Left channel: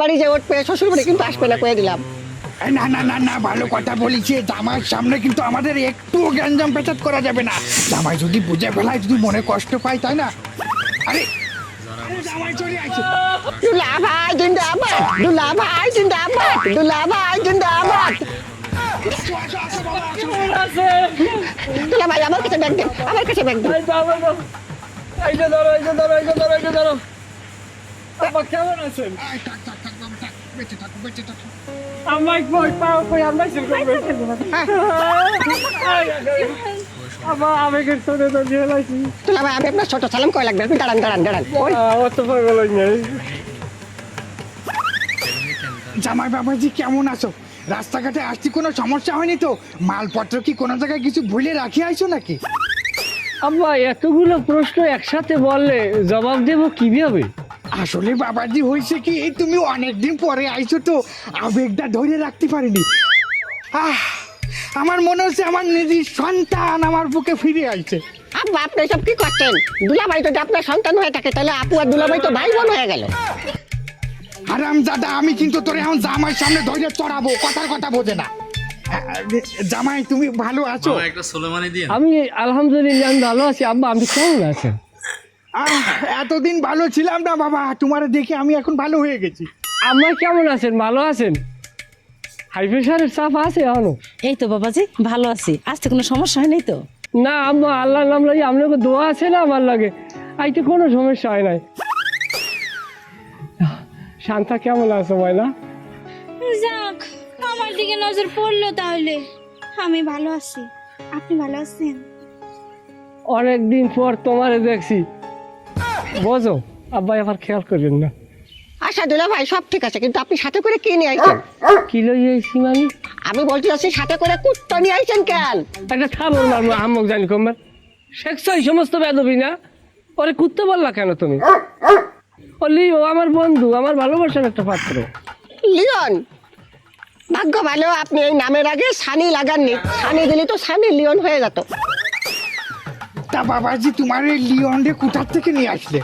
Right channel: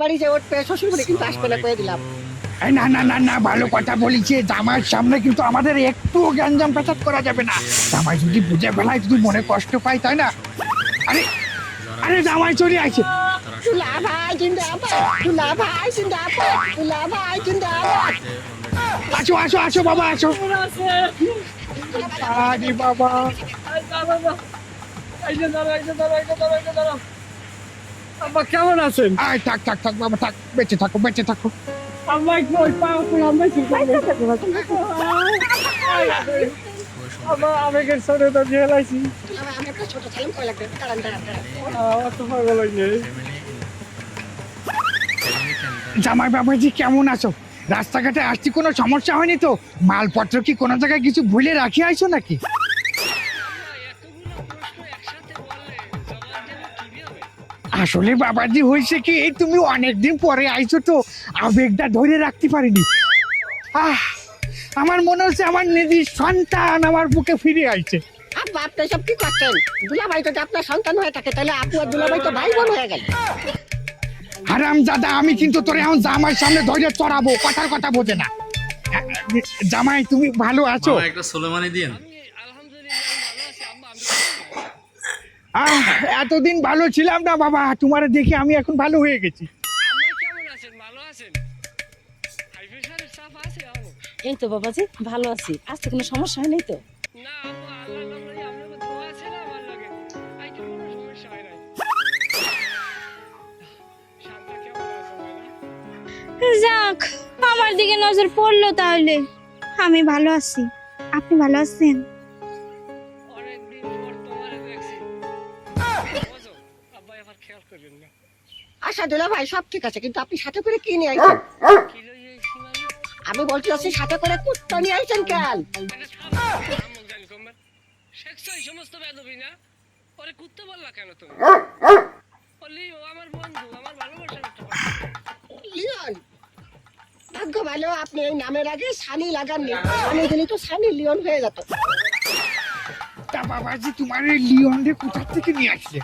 বাড়ি যাওয়ার পরে শ্বশুর বাড়ি কিন্তু আসবে না কয়ে দিলাম। না না না না, ভালো কথা বলেছি। জামাইয়ের সামনে কিন্তু আমাদের একটুও গ্যাঞ্জাম পেঁচাত করা যাবে না। জামাই যদি বুঝে ফেলায় তুই মনে কষ্ট পাই, তাই না? আরে আরে জামাই চলে আইছে। দুলা ভাই জিন্দাবাদ, দুলা ভাই জিন্দাবাদ, দুলা ভাই জিন্দাবাদ। আসো আসো আসো বাবা আসো। দুলা ভাই আমার কাছে ব্যাগ দাও, আমার কাছে ব্যাগ দাও। কেমন আছেন? আরে থাক থাক থাক বাবা, থাক, বেঁচে থাকো বেঁচে থাকো। আমায় কই পাও কই আমায় কি করবে? আবেগের সঙ্গে তো নিয়ে লাগি। দুলা ভাই আমি আপনার ছোট সালাম কয় লাগবে, আপনি দাঁড়ান দাঁড়ান দাঁড়ান। ওই আমার তো করে লাগবে। জামাই বাবাজি কেমন আছো? রাস্তাঘাটে আসছি কোনো সমস্যা হয়নি তো? মালপত্র কি কোনো জায়গায় কিছু ভুলে রাখি আইছো নাকি? আব্বা এতগুলো প্রশ্ন একসাথে বললে জবাব দেবো কিভাবে? আসলে বাবাজি হয়েছে কি, তুমি অনেকদিন পরে আইছো তো আবেগটা ধরে রাখতে পারিনি। আমার মনে হচ্ছে আমার নিজের সন্তান আমার বুকে ফিরে আইছে। আব্বা আপনি সব কি করছেন? দুলা ভাই যদি আপনার সন্তান হয়ে থাকে তাহলে আপু আর দুলা ভাই তো ভাই বোন হয়ে গেল। হারামজাদা, আমি কিন্তু তোর এখন জামাই সামনে ধরে চড়াবো, কথার কথা বোঝে না। জামাই তুমি ভালো আছো? মামা একটা সোলেমানি দিন। আমি আলহামদুলিল্লাহ আমি ভালো আছি। আব্বা আমি কেমন আছেন? এতদিন ভালো ছিলাম না বাবা, তোমার দেখে আমি এখন ভালো হয়ে গেছি। আম্মা কেমন আছেন? ভালো আছেন? হাই প্রেশারের চাপ আছে এখনো? এই তো বাবাজি ভালো আছি, আজকে কোনো সমস্যা হয় নাই তো? না আম্মা আল্লাহর নাম লাগে আপনাকে দোয়া আছে না আমার লাগে, আইতে কোনো সমস্যা হয় নাই। শান্তা কেমন আছে ময়না? যাক, আমার দিকে নজর পড়লো তাহলে। আমি ভালো আছি, আপনি ভালো আছেন? অনেকদিন পর তোমারে দেখছি, বোঝো আব্বাই আবার খেয়াল করবেন না। আচ্ছা দুলা ভাই সব ঠিক আছে, কিন্তু আপনি সাথে করে কি নিয়ে আইছেন? কি লইয়েছি মানে? আমি বলছি আছি সাথে করে কুত্তা নিয়ে আইছেন কেন? একটা ছাড়ো না, আমরা আমক জানি কমবার শেখছো এই সমস্ত বেদবি না। পরে কুত্তে বললা কেন তুমি? বললি ও আমার বন্ধু, আমার ভালোবাসার একটা পাত্র। লিওন, ভাগ্য ভালো আপনি এই নামের আগে সানি লাগাননি, সানি দিলে তো সানি লিওন হয়ে যেত। তা বাবাজি তোমার এই লিওনকে কোথার থেকে নিয়ে আসলে?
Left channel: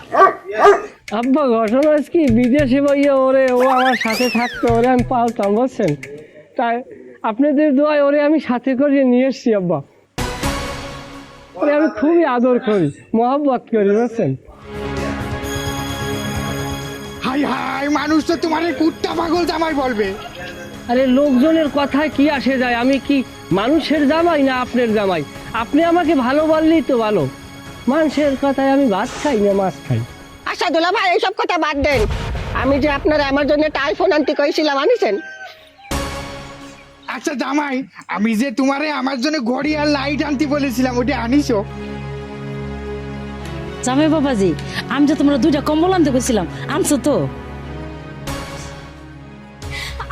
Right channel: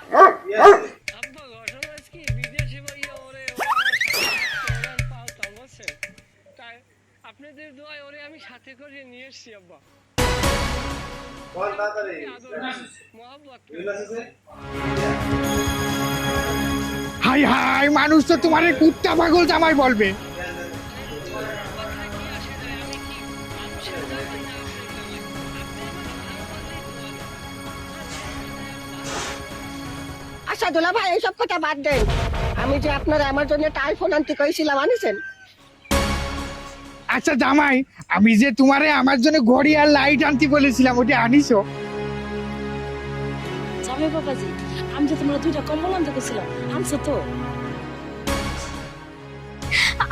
আব্বা ঘটনা কি, বিদেশে বইয়ে ওরে ও আমার সাথে থাকতো, ওরে আমি পালতাম বুঝছেন। তাই আপনাদের দোয়ায় ওরে আমি সাথে করে নিয়ে এসছি আব্বা। ওরে আমি খুবই আদর করি, মহব্বত করি বুঝছেন। হাই হাই, মানুষ তো তোমার কুত্তা পাগল জামাই বলবে। আরে লোকজনের কথায় কি আসে যায়? আমি কি মানুষের জামাই না আপনার জামাই? আপনি আমাকে ভালো বললেই তো ভালো। মানুষের কথায় আমি ভাত খাই না মাছ খাই। আচ্ছা দুলা ভাই এইসব কথা বাদ দেন, আমি যে আপনারা আমার জন্য একটা আইফোন আনতে কইছিলাম আনিছেন? আচ্ছা জামাই, আমি যে তোমারে আমার জন্য ঘড়ি আর লাইট আনতে বলেছিলাম, ওটা আনিছো? জামাই বাবাজি আমি যে তোমরা দুইটা কম্বল আনতে গেছিলাম, আনছো তো?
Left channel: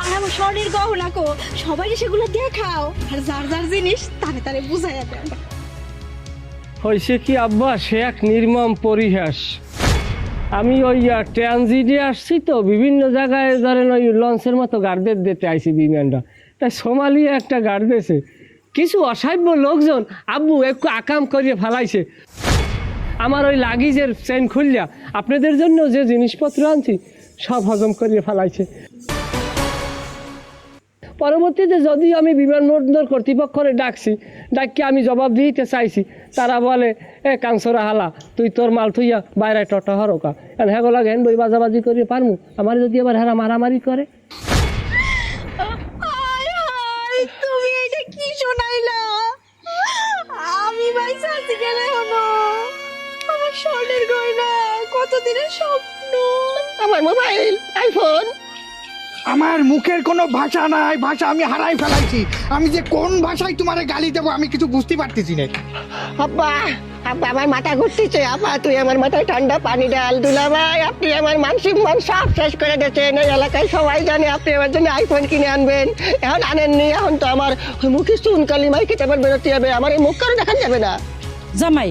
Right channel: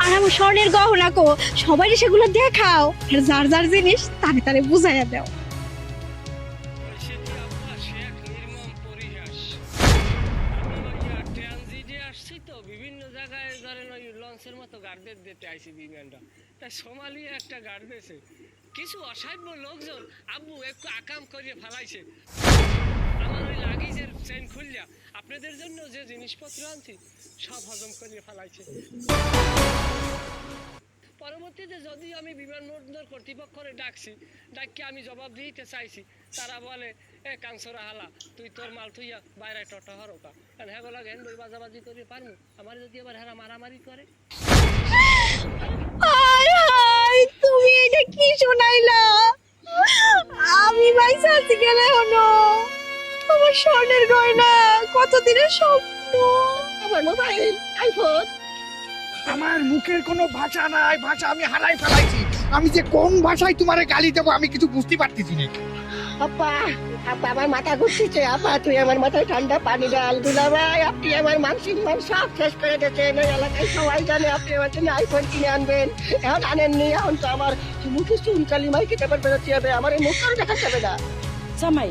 আমি স্বর্ণের গহনা কো, সবাই সেগুলো দেখাও আর যার যার জিনিস তারে তারে বুঝাইয়া দাও। হয়েছে কি আব্বা, সে এক নির্মম পরিহাস। আমি ওই ট্রানজিটে আসছি তো, বিভিন্ন জায়গায় ধরেন ওই লঞ্চের মতো গার্ডের দিতে আইসি বিমানটা। তাই সোমালিয়া একটা গার্ড দিয়েছে, কিছু অসাধ্য লোকজন আব্বু একটু আকাম করিয়ে ফেলাইছে। আমার ওই লাগেজের চেন খুললিয়া আপনাদের জন্য যে জিনিসপত্র আনছি সব হজম করিয়ে ফেলাইছে। পরবর্তীতে যদি আমি বিমানবন্দর কর্তৃপক্ষরে ডাকি আমি জবাব দিতে চাইছি, তারা বলে এ কাংসরা হালা তুই তোর মাল থুইয়া বাইরে টটা হরকা হ্যাঁ লাগে হেন বই বাজাবাজি করিয়ে পারমু। আমার যদি আবার হেরা মারামারি করে? হাই হাই, তুমি এটা কি শোনাইলা? আমি বাইসা আছি গেলে হলো আমার স্বর্ণের গয়না, কতদিনের স্বপ্ন। আমার মোবাইল আইফোন। আমার মুখের কোনো ভাষা নাই, ভাষা আমি হারাই ফেলাইছি। আমি যে কোন ভাষায় তোমারে গালি দেবো আমি কিছু বুঝতে পারতেছি না। আব্বা আব্বা আমার মাথা ঘুরতেছে। আব্বা তুই আমার মাথায় ঠান্ডা পানি ঢাল। দুলা ভাই আপনি আমার মানসিক মন সব শেষ করে দিয়েছেন। এই এলাকায় সবাই জানে আপনি আমার জন্য আইফোন কিনে আনবেন, এখন আনেননি। এখন তো আমার মুখে চুন কালিমাই কিতাবের বেরোতে যাবে, আমার এই মুখ কারো দেখা যাবে না। জামাই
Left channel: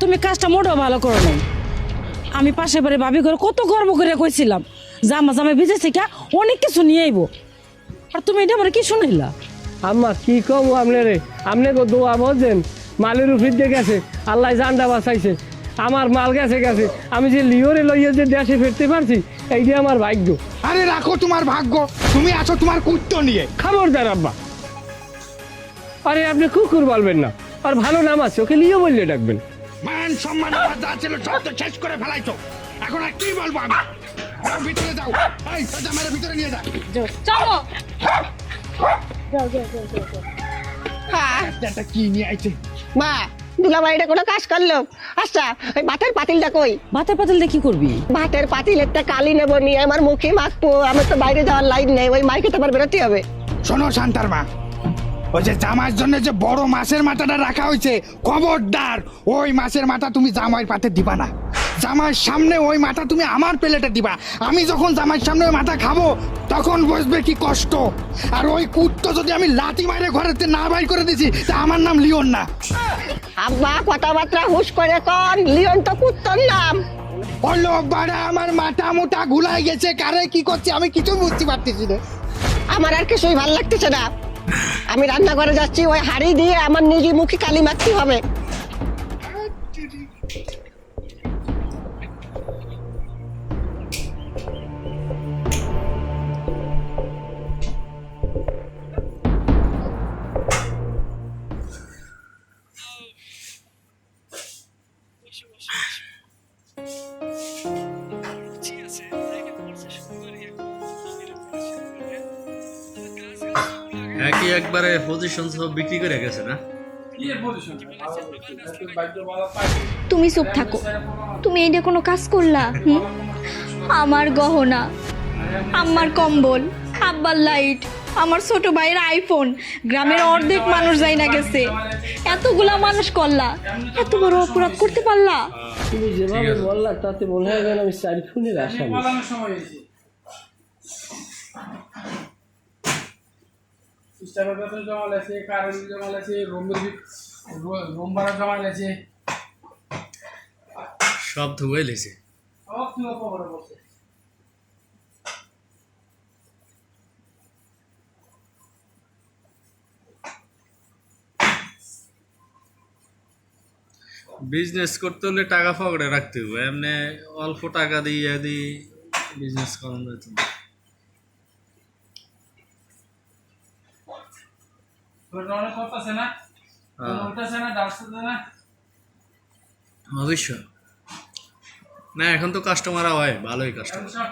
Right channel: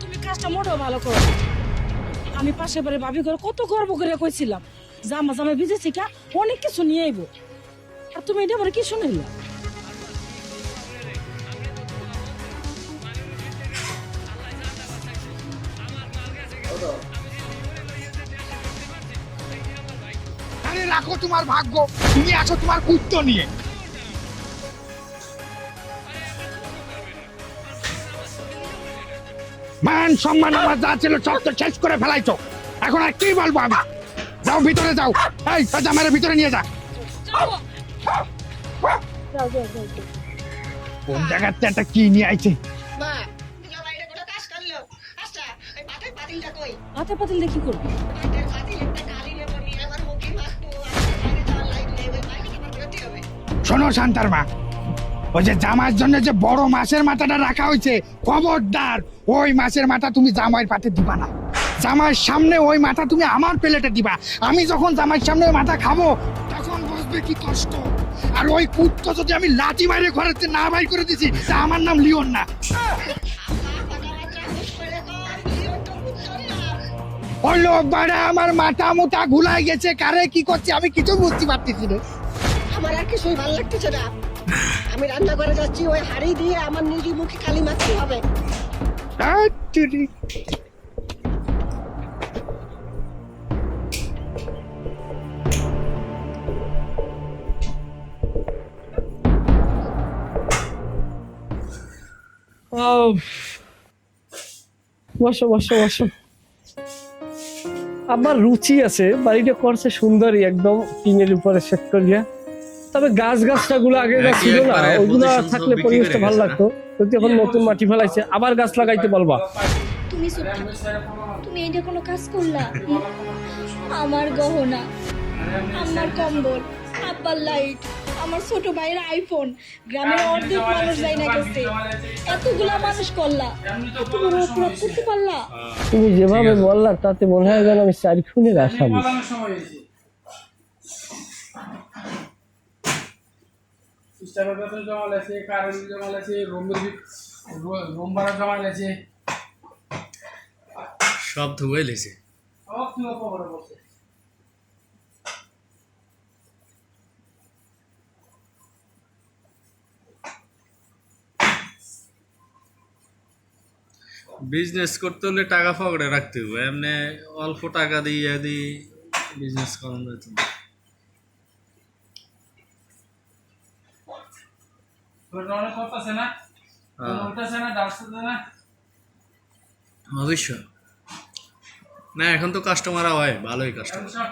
তুমি কাজটা মোটেও ভালো করো না। আমি পাশে বাড়ি ভাবি করে কত গর্ব করে কইছিলাম জামাই বিদেশে কা অনেক কিছু নিয়ে আইবো, আর তুমি এটা আমার কি শুনাইলা? আম্মা কি কম আপনারে, আপনি তো দোয়া বোঝেন। মালের উফির দিয়ে গেছে, আল্লাহ জানটা বাঁচাইছে। আমার মাল গেছে। আমি যে লিওরে লইয়ে যে দেশে ফিরতে পারছি এই যে আমার ভাগ্য। আরে রাখো তোমার ভাগ্য, তুমি আছো তোমার কুত্ত নিয়ে। খবরদার আব্বা, আরে আপনি কুকুর বলবেন না, আর ভালো নাম আছে, ওকে নিয়ে বললে ডাকবেন। মান সম্মান আমার যা ছিল সব তো শেষ করে ফেলাইছো, এখন আর কি বলবো আমি? যাও ভিতরে যাও, এই জামাইয়ের ভিতরে নিয়ে যা। চলো দেখাচ্ছে একটা কি নিয়ে আইছে। মা, দুলাভাই এটা কোনো কাজ করলো? আচ্ছা, ওই ভাতের পাতিলটা কই? ভাতের পাতিল দিয়ে কি করবি? ভাতের পাতিল একটা কালি নেবো, নিয়ে আমার মুখে মাখবো। আমার তো বাইরে যাওয়ার লাইন নেই, ওই মাইকে তো আমার বেরোতে হবে। শোনো শান্তার মা, ওই যে জামার জন্য যে বড় মাছের মাথাটা রাখা হয়েছে, খবরদার ওই মাছের মাথা তুমি জামাইয়ের পাতে দিবা না। জামাইয়ের সামনে ওই মাথা তুমি আমার প্লেটে দিবা। আমি যখন জামাইয়ের সামনে ওই মাথা খাবো তখন বুঝবে কি কষ্ট। আর ওই কুত্তো যদি আমি লাথি মারে ঘরেতে না বাই করে দিছি, তা আমার নাম লিওন না। আব্বা, কথাবার্তা হুশ করে কন, লিওন তো কুত্তর নাম। ওই লোক বাড়া আমার মাথা মোটা ঘুলাই গেছে, কারে কি করছে আমি কিছু বুঝতে পারতেছি না। আমার আর কিছুই ভালো লাগতেছে না। আমি রান্না করে যাচ্ছি, ওই হাড়ি দিয়ে আমার নিজে মুখে কালি মারতে হবে। বসো বসো বসো। আবার রুচি আছে, বাড়িটা করছে সুন্দরই, একদম টিনের উপরে সেট করিয়া। তবে গাছ গাছটা গুলো আগে একই একবারে পজিশন সব বিক্রি করে ভালো গেছে না? লাগতো। যদি এখন নতুন মাটি ফেলাইছে, আবার গাছ লাগাইতে বলবা। তুমি চুপ থাকো, তুমি এইটা কোনো কাজ করলা? আমার গহনা, আমার কম্বল, আব্বার লাইট, আমার ছোট ভাইয়ের আইফোন, গ্রামের অর্ধেক মানুষ যাই না গেছে, এতগুলা মানুষ করলা, এত বড় অপরাধ করতে পারলা? তুমি যেভাবে বললা তাতে মনে হয় যেন আমি চারি খুনের আসামি। স্টাফের বেতন জমা লেছে, কারেন্ট জমা লেছে, রুম ভাড়া জমা লেছে, সব ধুয়ে লেছে। সব তুই খবরে বসে। বিজনেস করতে হলে টাকা পকেটে রাখতে হবে, এমনি অল্প টাকা দিয়ে বিজনেস করানো যেত না। তোর অনেক কথা আছে না? উঠতেছে না, ডাকতেছে না? অবশ্য না, এখন তো কাস্টমার হয়, ভালোই কাস্টমার।